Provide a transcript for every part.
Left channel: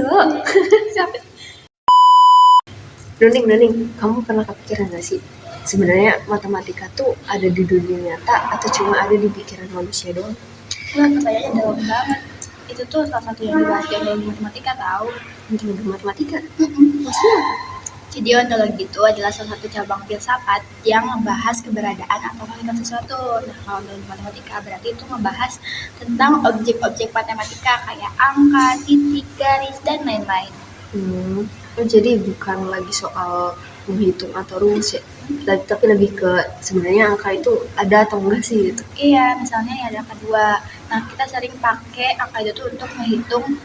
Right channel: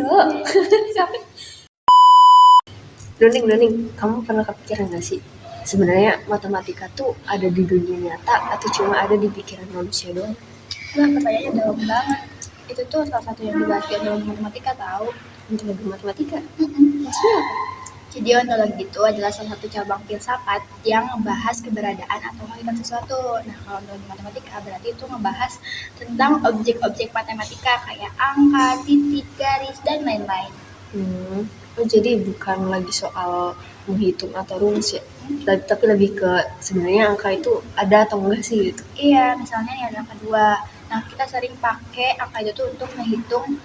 Cuk. Noning, kamu pernah kepikiran gak sih? Sebenarnya matematika tuh ada di dunia nyata atau cuma ada di pikiran manusia doang? Wah, pertanyaannya dalam banget. Itu tuh salah satu yang dibahas di ontologi matematika tahu. Ontologi matematika? Maksudnya apa? Jadi ontologi itu adalah salah satu cabang filsafat yang membahas keberadaan atau hakikat sesuatu. Nah, kalau dalam matematika berarti itu membahas tentang objek-objek matematika kayak angka, titik, garis, dan lain-lain. Jadi bukan lagi soal menghitung atau rumus ya, tapi lebih ke sebenarnya angka itu ada atau enggak sih gitu. Iya, misalnya ya ada angka 2. Nah, kita sering pakai angka itu tuh untuk menghitung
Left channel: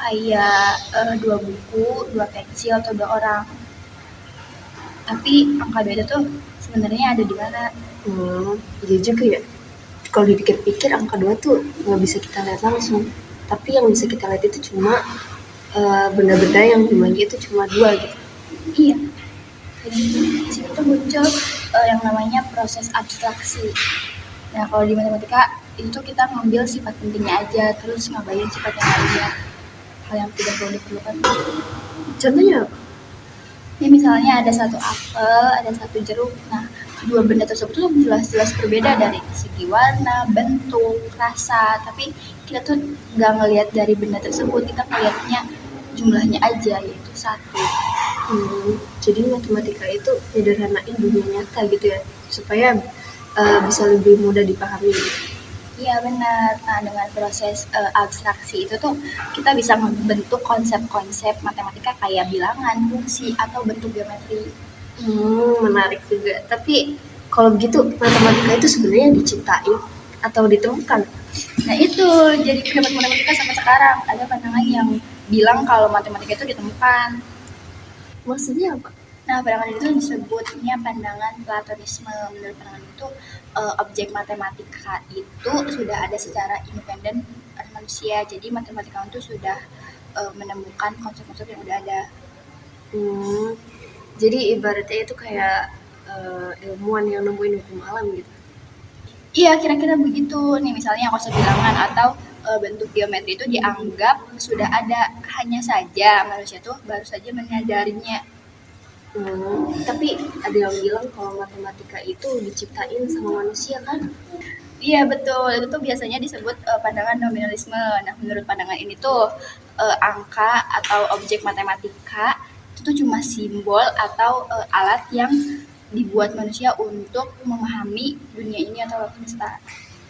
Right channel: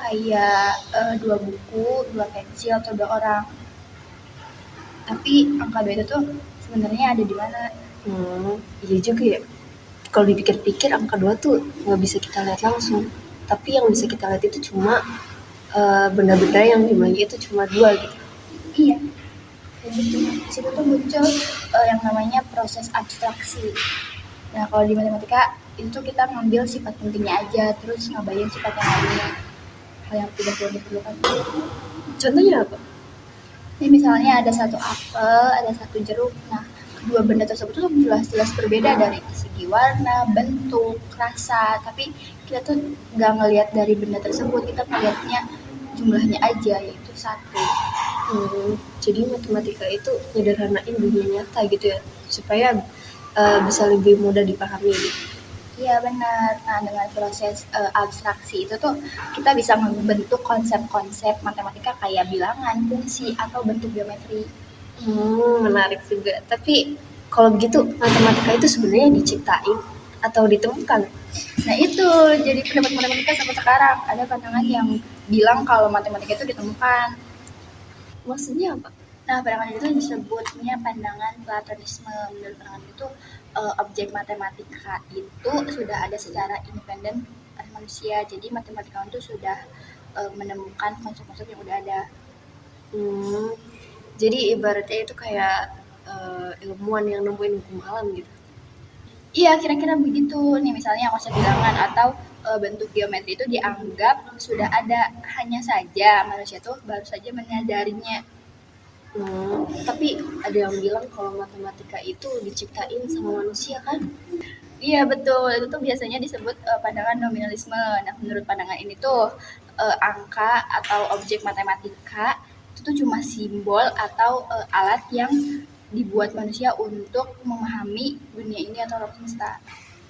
kayak 2 buku, 2 pensil, atau 2 orang. Tapi angka 2 itu tuh sebenarnya ada di mana? Iya juga ya. Kalau dipikir-pikir angka 2 tuh nggak bisa kita lihat langsung. Tapi yang bisa kita lihat itu cuma benda-benda yang jumlahnya itu cuma 2 gitu. Iya. Jadi di situ tuh muncul yang namanya proses abstraksi. Nah, kalau di matematika itu tuh kita ngambil sifat pentingnya aja, terus ngabain sifat yang lainnya. Hal yang tidak perlu diperlukan. Contohnya apa? Ini misalnya ada satu apel, ada satu jeruk. Nah, kedua benda tersebut tuh jelas-jelas berbeda dari segi warna, bentuk, rasa. Tapi kita tuh nggak ngelihat dari benda tersebut, kita ngelihatnya jumlahnya aja, yaitu 1. Jadi matematika itu nyederhanain dunia nyata gitu ya, supaya bisa lebih mudah dipahami. Iya benar. Nah, dengan proses abstraksi itu tuh kita bisa membentuk konsep-konsep matematika kayak bilangan, fungsi, atau bentuk geometri. Menarik juga. Tapi kalau begitu matematika itu sebenarnya diciptain atau ditemukan? Nah itu jadi pendapat matematika sampai sekarang. Ada pandangan yang bilang kalau matematika itu ditemukan. Maksudnya apa? Nah, pandangan itu disebutnya pandangan Platonisme. Menurut pandangan itu, objek matematika itu sudah ada secara independen pada manusia. Jadi matematika itu sudah menemukan konsep-konsep yang udah ada. Jadi ibaratnya itu kayak ilmuwan yang nemuin hukum alam gitu. Iya, kira-kira begitu. Nih misalnya konsep bilangan atau bentuk geometri itu dianggap sudah ada, hanya saja manusia tuh baru saja menyadarinya. Tapi ada yang bilang kalau matematika itu diciptain sama manusia kan? Iya betul, itu tuh biasanya disebut pandangan nominalisme. Nah, menurut pandangan ini tuh angka atau objek matematika itu tuh cuma simbol atau alat yang dibuat manusia untuk memahami dunia ini atau alam semesta.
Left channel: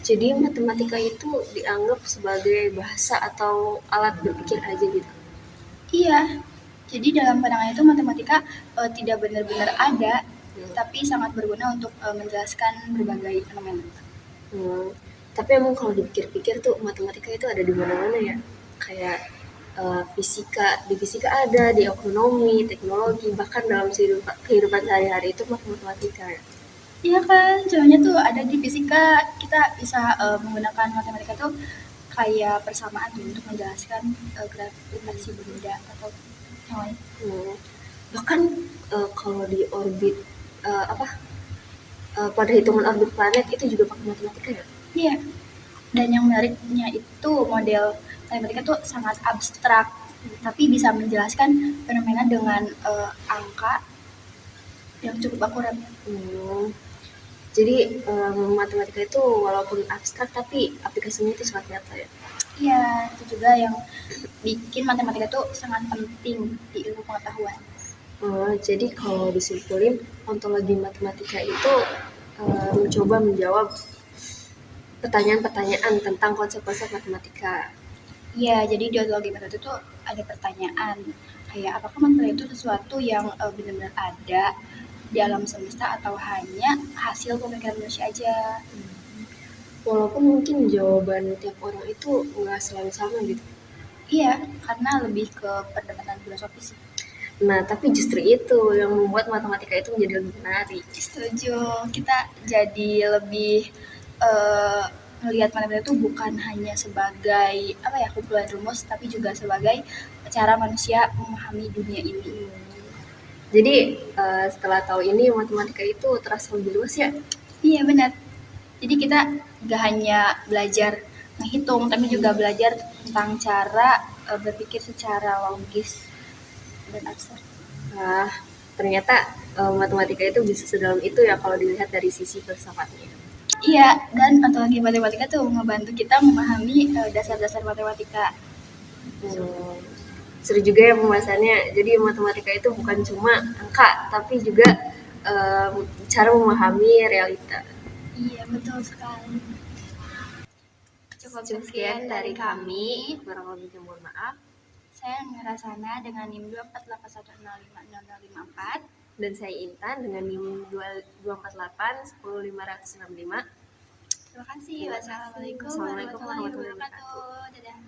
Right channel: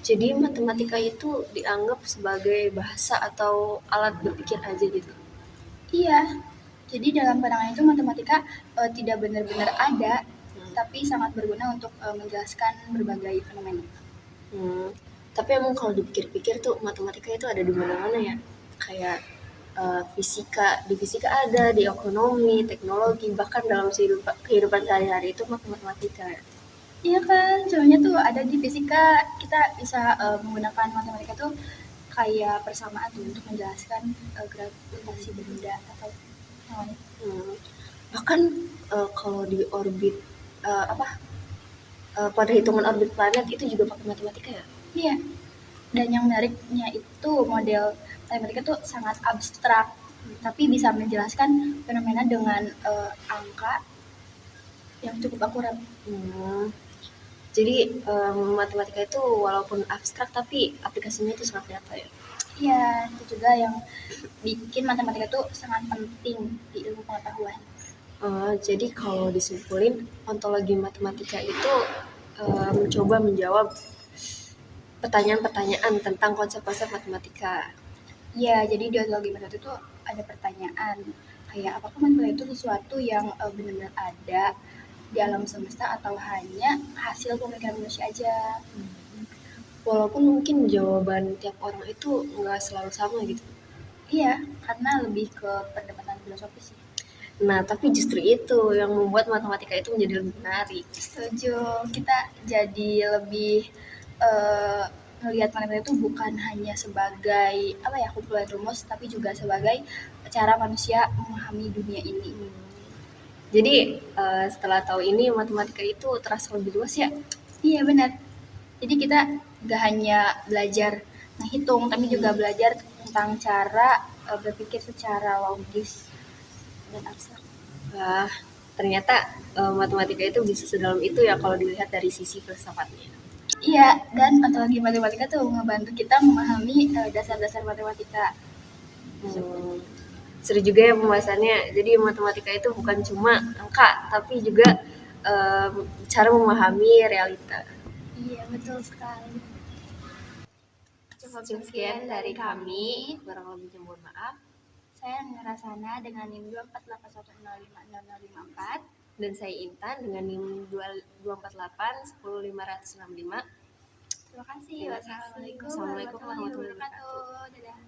Jadi matematika itu dianggap sebagai bahasa atau alat berpikir aja gitu. Iya, jadi dalam pandangan itu matematika tidak benar-benar ada, tapi sangat berguna untuk menjelaskan berbagai fenomena. Tapi emang kalau dipikir-pikir tuh matematika itu ada di mana-mana ya. Kayak fisika, di fisika ada, di ekonomi, teknologi, bahkan dalam kehidupan sehari-hari itu matematika ya. Iya kan, contohnya tuh ada di fisika, kita bisa menggunakan matematika tuh kayak persamaan tuh untuk menjelaskan gravitasi benda atau yang lain. Bahkan kalau di orbit pada hitungan orbit planet itu juga pakai matematika ya. Iya. Dan yang menariknya itu model matematika tuh sangat abstrak, tapi bisa menjelaskan fenomena dengan angka yang cukup akurat. Jadi matematika itu walaupun abstrak tapi aplikasinya itu sangat nyata ya. Iya, itu juga yang bikin matematika itu sangat penting di ilmu pengetahuan. Jadi kalau disimpulin ontologi matematika itu mencoba menjawab pertanyaan-pertanyaan tentang konsep-konsep matematika. Iya, jadi di ontologi matematika itu ada pertanyaan kayak apakah matematika itu sesuatu yang benar-benar ada di alam semesta atau hanya hasil pemikiran manusia aja. Walaupun mungkin jawaban tiap orang itu nggak selalu sama gitu. Iya, karena lebih ke perdebatan filosofis. Nah, tapi justru itu yang membuat matematika itu menjadi lebih menarik. Setuju, kita jadi lebih melihat matematika itu bukan hanya sebagai kumpulan rumus, tapi juga sebagai cara manusia memahami dunia ini. Jadi setelah tahu ini matematika itu terasa lebih luas ya. Iya benar. Jadi kita gak hanya belajar menghitung, tapi juga belajar tentang cara berpikir secara logis dan abstrak. Wah, ternyata matematika itu bisa sedalam itu ya kalau dilihat dari sisi filsafatnya. Iya, dan ontologi matematika tuh ngebantu kita memahami dasar-dasar matematika. Seru juga ya pembahasannya. Jadi matematika itu bukan cuma angka, tapi juga cara memahami realita. Iya, betul sekali. Cukup sekian dari kami, kurang lebihnya mohon maaf. Saya Ngerasana dengan NIM 248105054. Dan saya Intan dengan NIM 248105565. Terima kasih. Wassalamualaikum Wassalamualaikum warahmatullahi wabarakatuh. Dadah.